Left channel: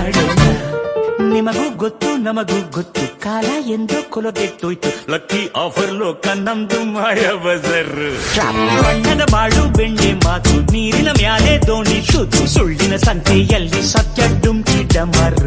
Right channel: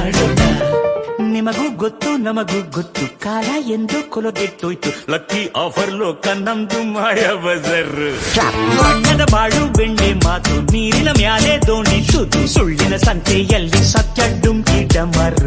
ಮಾಡೋಣ. ನಿಮಗೂ ಗೊತ್ತು ನಮಗೂ ಗೊತ್ತು, ಕಾಲ ಎಂದು ಕೊಲಗೆಟ್ಟೋಯ್ತು. ಲಕ್ಕಿ ಆಫರ್ ಲೋಕ ನಮ್ದು ಮಾಯ ಬಜರ್. ಬಣ್ಣದ ಬಾಳು ಬೆಣ್ಣೆ ಮಾತು, ನೀರಿನ ಮ್ಯಾಲೆ ದೋಣಿ ತೂತು. ಸುಳ್ಳಿನ ಸಂತೆಯಲ್ಲಿ ಸತ್ಯ ಡುಮ್ಕಿ ಡಮರ್.